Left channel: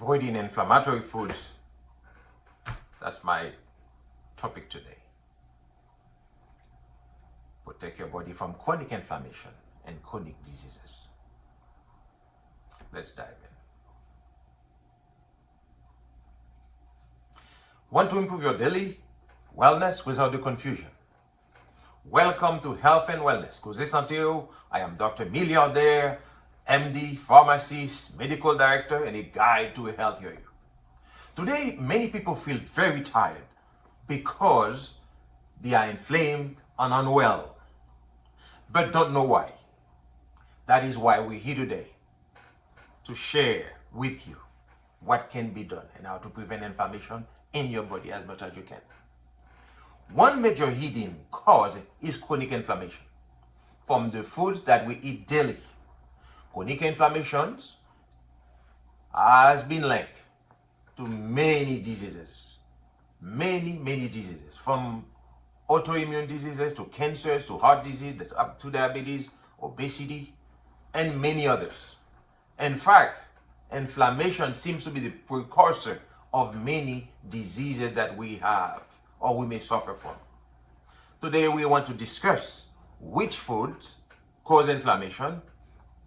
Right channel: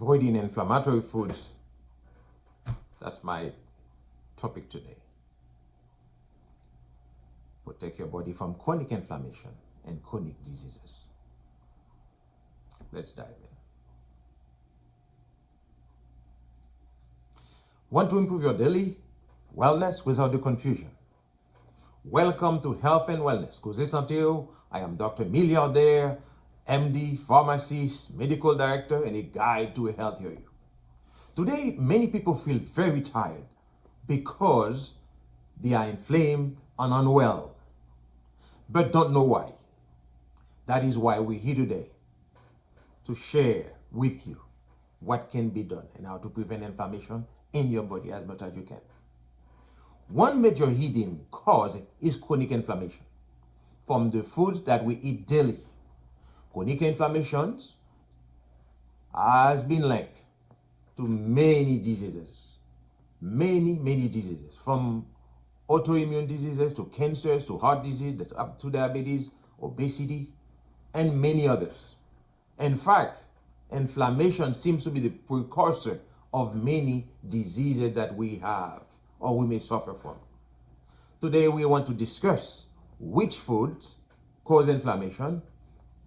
avoiding inflammatory foods. That's my topic today. Protect your body from chronic inflammation and chronic diseases. Let's dive in. Want to improve your daily wellness without the confusion? Welcome to Health and Wellness Koze Sante'w. I am Dr. Milliardaire, MD, pharmacist, medical director, and a guide to a healthier you. Today, many people feel very tired because they are inflamed and unwell, but don't know why. That is why we're here today, to share with you what can be done and how to prevent inflammation in your body as much as you can. One major hidden cause is chronic inflammation from the foods that we eat daily. Chronic inflammations has been linked to many diseases, many diseases, from autoimmune diseases to cancers to heart disease up to diabetes, obesity, and many others. In fact, inflammation seems to be the precursor of many diseases that we have or we may suffer from. Today we want to discuss which foods cause inflammation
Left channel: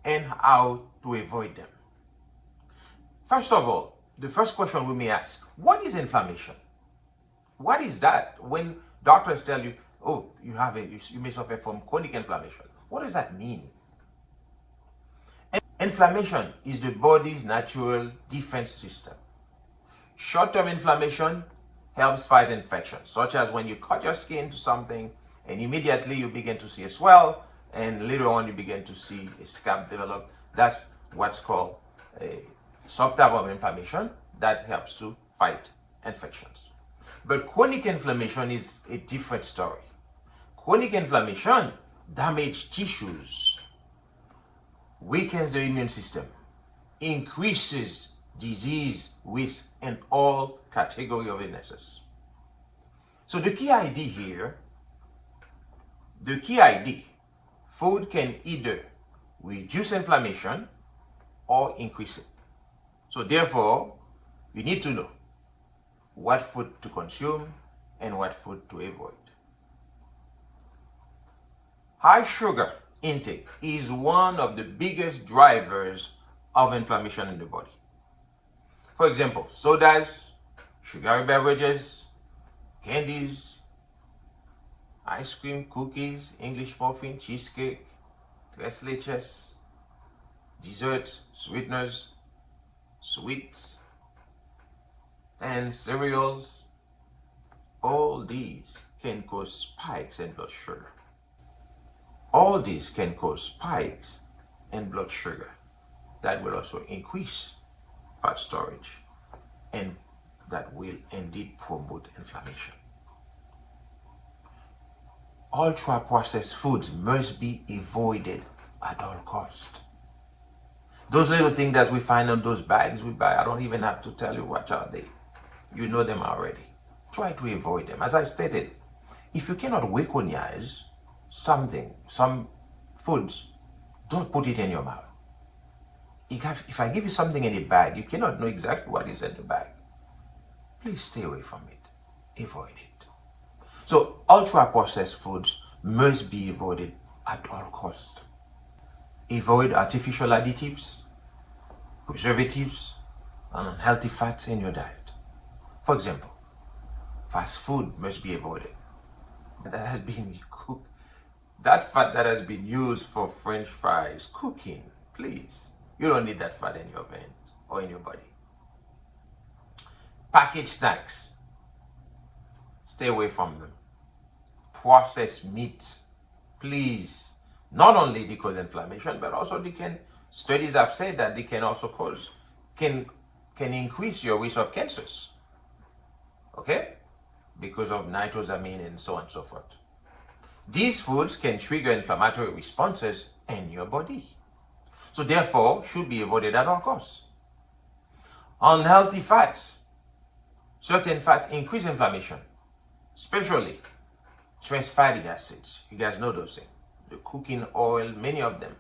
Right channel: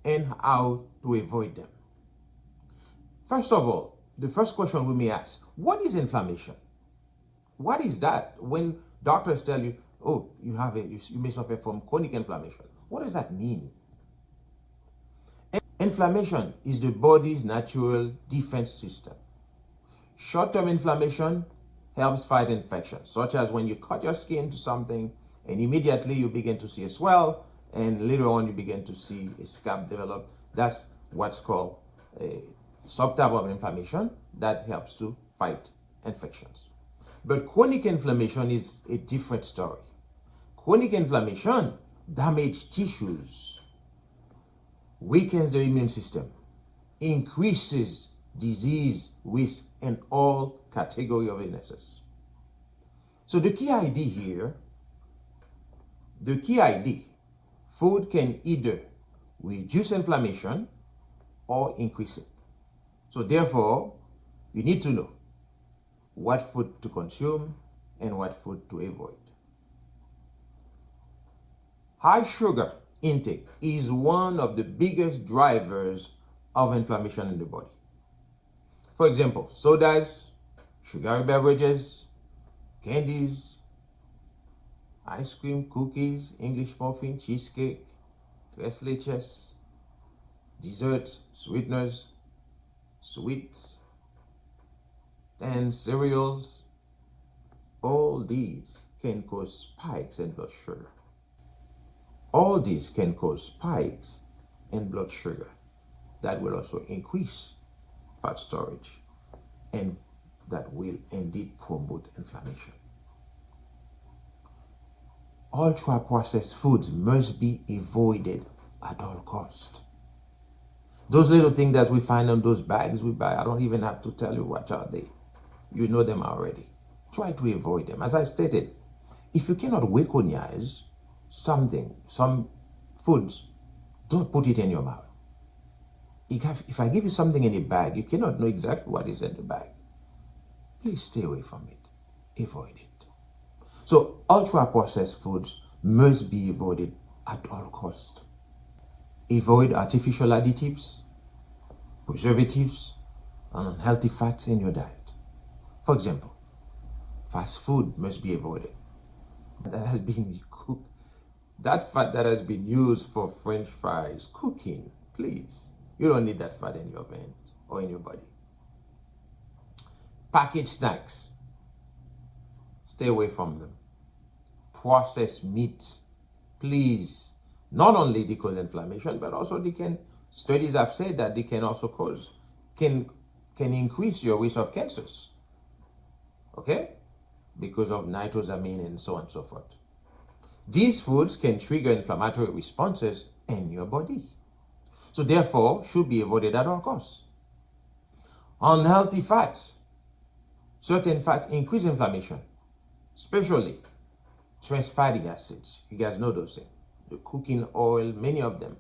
and how to avoid them. First of all, the first question we may ask, what is inflammation? What is that? When doctors tell you, oh, you may suffer from chronic inflammation, what does that mean? Inflammation is the body's natural defense system. Short-term inflammation helps fight infections, such as when you cut your skin to something and immediately you begin to see a swell, and later on you begin to see a scab develop. That's what's called a subtype of inflammation that helps to fight infections. But chronic inflammation is a different story. Chronic inflammation damages tissues, weakens the immune system, increases disease risk in all categories of illnesses. So the key idea, food can either reduce inflammation or increase it. So therefore, you need to know what food to consume and what food to avoid. High sugar intake is one of the biggest drivers of inflammation in the body. For example, sodas, sugary beverages, candies, ice cream, cookies, English muffin, cheesecake, tres leches, desserts, sweeteners, sweets, and cereals. All these can cause spikes in blood sugar. All these can cause spikes in blood sugar that will also increase fat storage, and that will indeed promote inflammation. Ultra-processed foods must be avoided at all costs. Those little things that we find on those bags we buy, I don't even have to tell you what are they. You know them already. Try to avoid them. As I stated, if you cannot recognize something, some foods, don't put it in your mouth. If I give you something in a bag, you cannot know exactly what is in the bag. Please stay away from it. Avoid it. So ultra-processed foods must be avoided at all costs. Avoid artificial additives, preservatives, and unhealthy fats in your diet. For example, fast food must be avoided. That has been cooked. That fat that has been used for French fries, cooking, please. You don't need that fat in your veins or in your body. Packaged snacks, stay away from them. Processed meats, please. Not only they cause inflammation, but also studies have said that they can also can increase your risk of cancers. Okay? Because of nitrosamine and so on and so forth. These foods can trigger inflammatory responses in your body. So therefore, should be avoided at all costs. Unhealthy fats. Certain fats increase inflammation, especially trans fatty acids. You guys know those things. The cooking oil, many of them.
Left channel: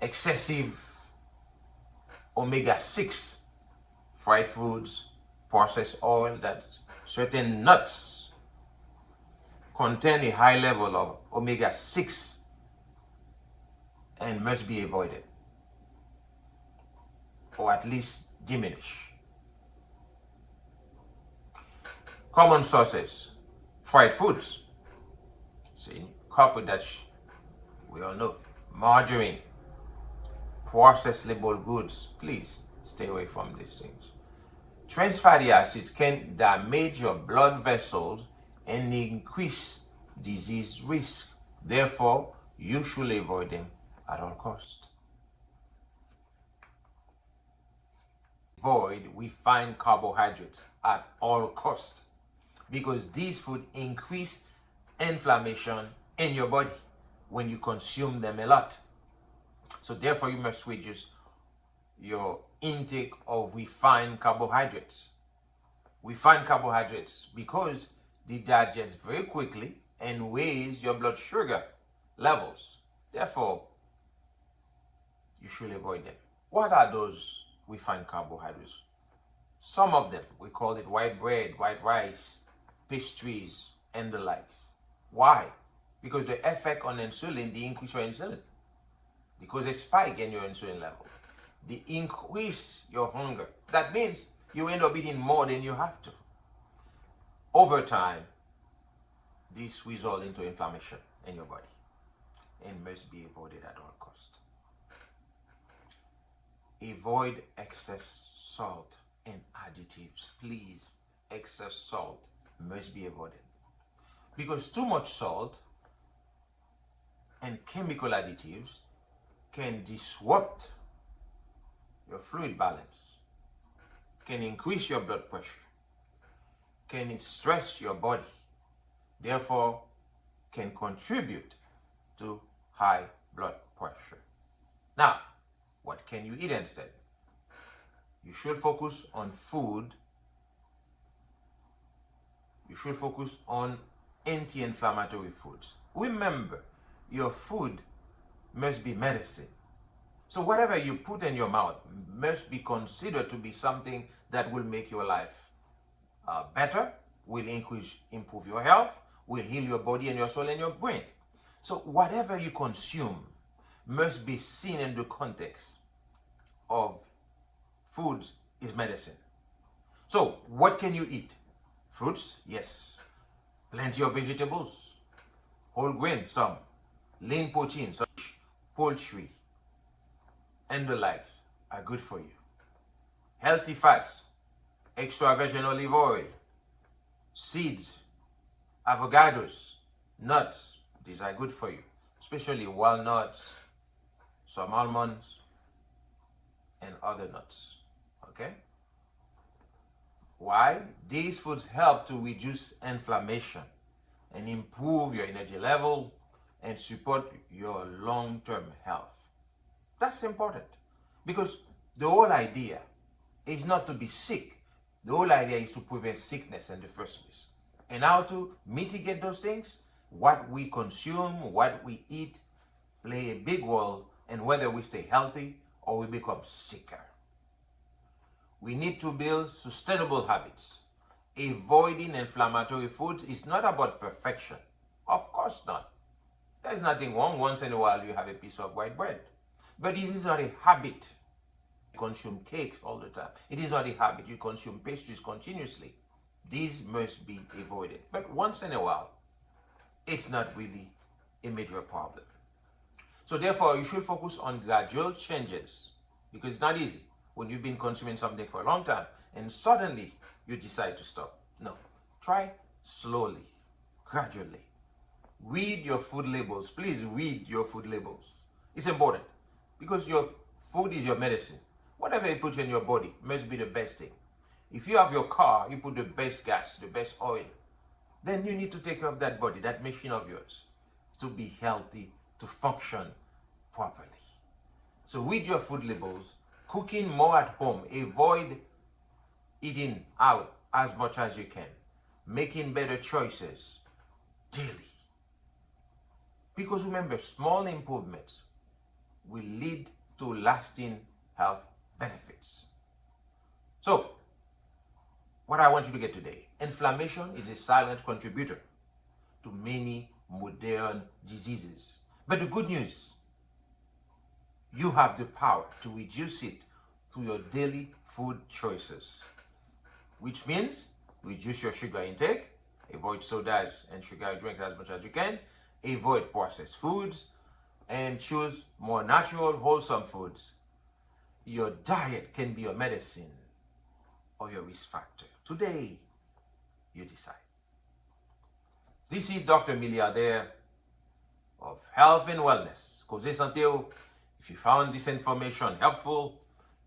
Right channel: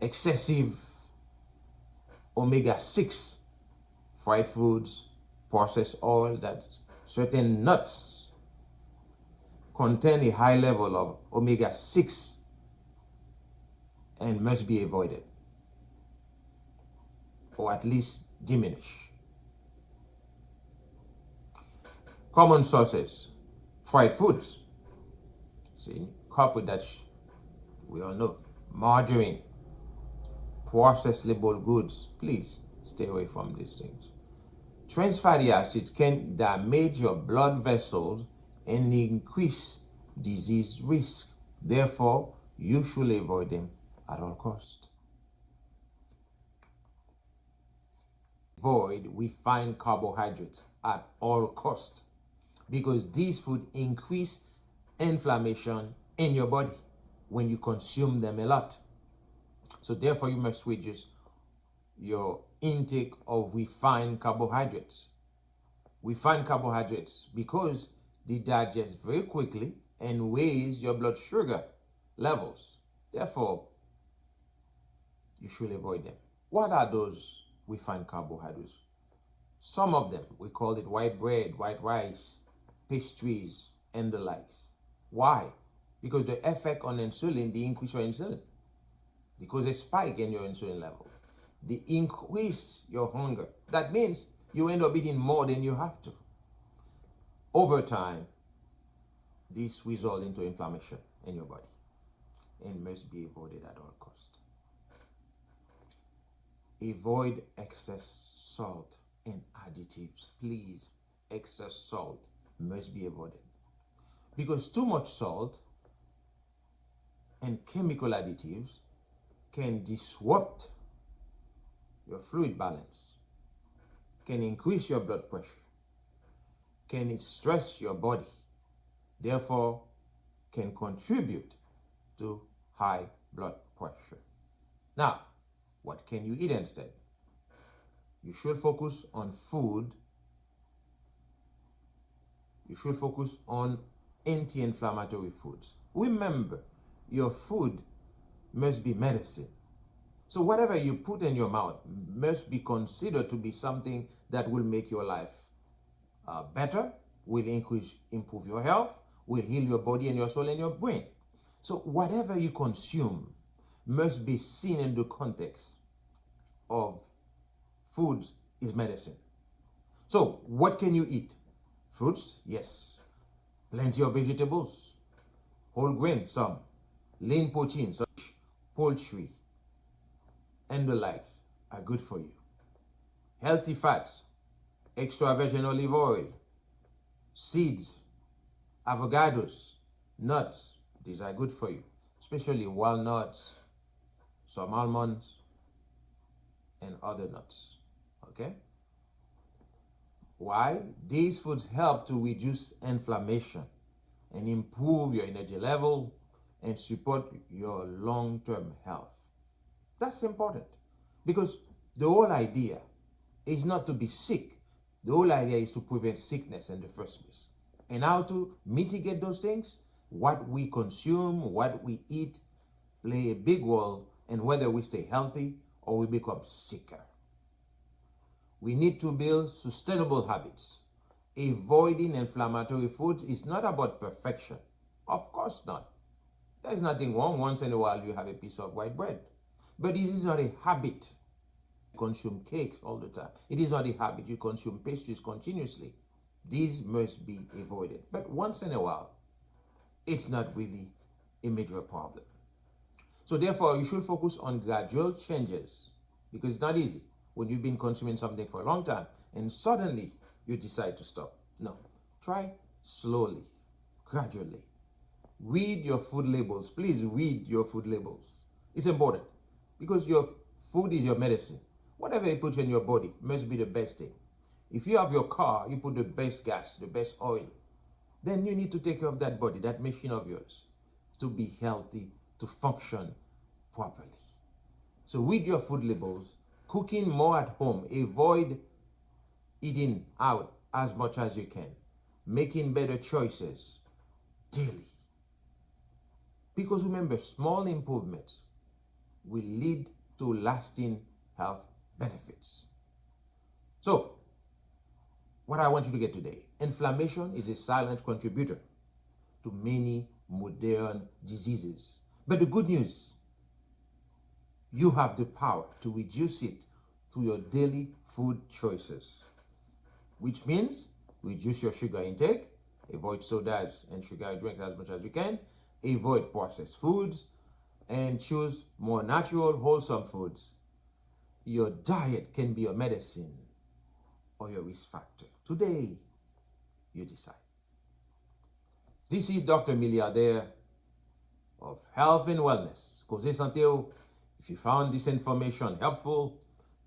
Excessive omega-6, fried foods, processed oil, that certain nuts contain a high level of omega-6 and must be avoided, or at least diminished. Common sources, fried foods. See, couple that we all know. Margarine, processed labeled goods. Please stay away from these things. Trans fatty acids can damage your blood vessels and increase disease risk. Therefore, you should avoid them at all costs. Avoid refined carbohydrates at all costs, because these foods increase inflammation in your body when you consume them a lot. So therefore, you must reduce your intake of refined carbohydrates. Refined carbohydrates, because they digest very quickly and raise your blood sugar levels. Therefore, you should avoid them. What are those refined carbohydrates? Some of them, we call it white bread, white rice, pastries, and the likes. Why? Because the effect on insulin, they increase your insulin. Because they spike in your insulin level. They increase your hunger. That means you end up eating more than you have to. Over time, this results into inflammation in your body and must be avoided at all costs. Avoid excess salt and additives. Please, excess salt must be avoided, because too much salt and chemical additives can disrupt your fluid balance, can increase your blood pressure, can stress your body, therefore can contribute to high blood pressure. Now, what can you eat instead? You should focus on food. You should focus on anti-inflammatory foods. Remember, your food must be medicine. So whatever you put in your mouth must be considered to be something that will make your life better, will improve your health, will heal your body and your soul and your brain. So whatever you consume must be seen in the context of food is medicine. So what can you eat? Fruits, yes. Plenty of vegetables, whole grain, some, lean protein, some, poultry, and the likes are good for you. Healthy fats, extra virgin olive oil, seeds, avocados, nuts, these are good for you, especially walnuts, some almonds, and other nuts. Okay? Why? These foods help to reduce inflammation and improve your energy level and support your long-term health. That's important, because the whole idea is not to be sick. The whole idea is to prevent sickness in the first place. And how to mitigate those things? What we consume, what we eat, play a big role in whether we stay healthy or we become sicker. We need to build sustainable habits. Avoiding inflammatory foods is not about perfection. Of course not. There's nothing wrong once in a while you have a piece of white bread. But this is not a habit. You consume cakes all the time. It is not a habit. You consume pastries continuously. These must be avoided. But once in a while, it's not really a major problem. So therefore, you should focus on gradual changes, because it's not easy when you've been consuming something for a long time and suddenly you decide to stop. No, try slowly, gradually. Read your food labels. Please read your food labels. It's important, because your food is your medicine. Whatever you put in your body must be the best thing. If you have your car, you put the best gas, the best oil, then you need to take care of that body, that machine of yours, to be healthy, to function properly. So read your food labels. Cooking more at home. Avoid eating out as much as you can. Making better choices daily. Because remember, small improvements will lead to lasting health benefits. So, what I want you to get today, inflammation is a silent contributor to many modern diseases. But the good news, you have the power to reduce it through your daily food choices, which means reduce your sugar intake, avoid sodas and sugary drinks as much as you can, avoid processed foods, and choose more natural, wholesome foods. Your diet can be your medicine or your risk factor. Today, you decide. This is Dr. Milliardaire of Health and Wellness Koze Sante'w. If you found this information helpful,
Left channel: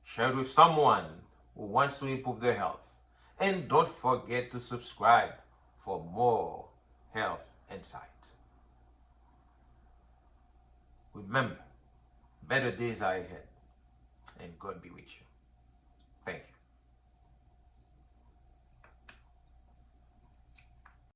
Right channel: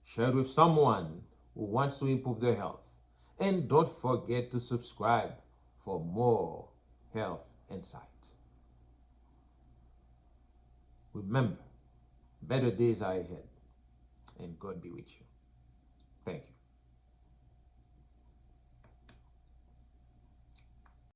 share it with someone who wants to improve their health. And don't forget to subscribe for more health insight. Remember, better days are ahead, and God be with you.